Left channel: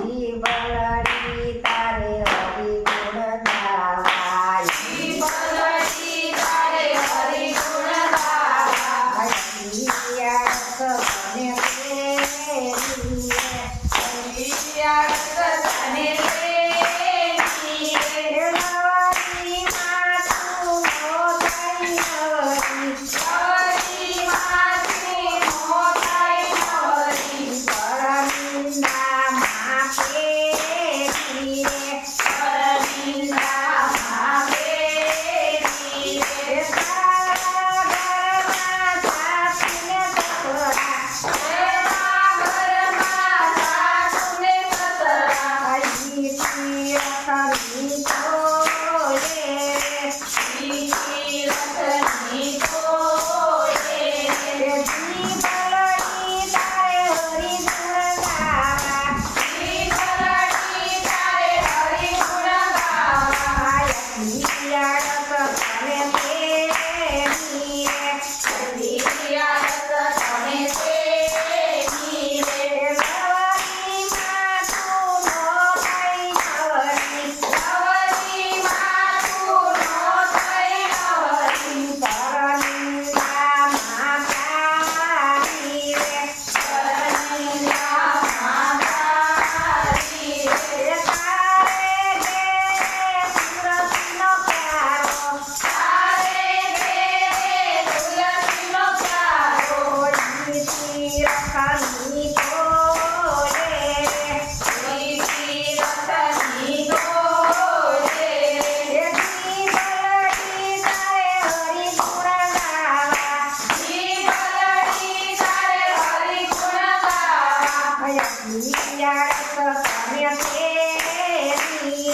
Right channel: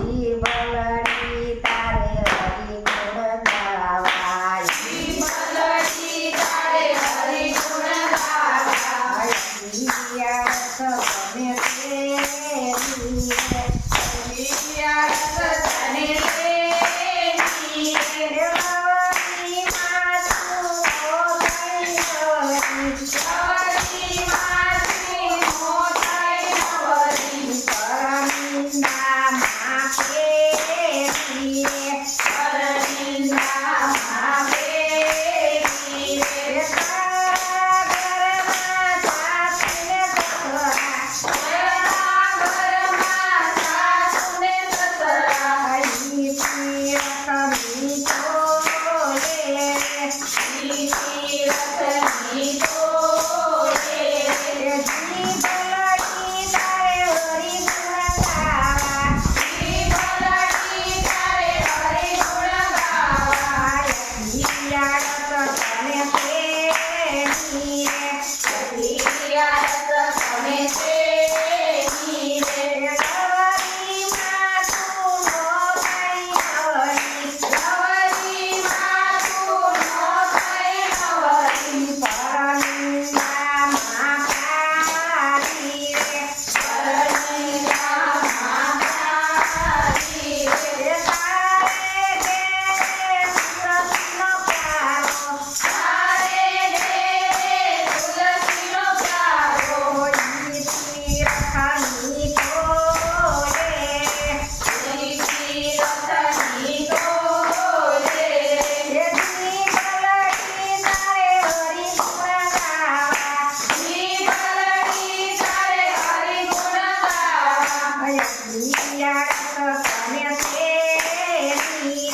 જીવલડી તારે હરિ ગુણ ગાવા જીવલડી તારે હરિ ગુણ ગાવા તને તને લવરી માતું નો થઈ નવરી માથી નો થઈ નવરી પરમિંદા માપે પરનિંદા માવે રે તારા ઘરમાં સાસને તોરા ઘરમાં સાસુને સસરા આઈ તીરથની તોરે રથની તોરે જીવલડી તારે હરિ ગુણ ગાવા જીવલડી તારે હરિ ગુણ ગાવા તને તેની યાદ તમે તેની લવરી માતું નો થઈ નવરી નવરી માતું નો થઈ નવરી પરમિંદા માપારી પરનિંદા માતારી તારે ઘેરે તુલસીનો પ્યારો તારે ઘેરે તુલસીનો પ્યારો કોઈ તીરથની તોરે રથની તોરે જીવલડી તારે હરિ ગુણ ગાવા જીવલડી તારે હરિ ગુણ ગાવા તને તેની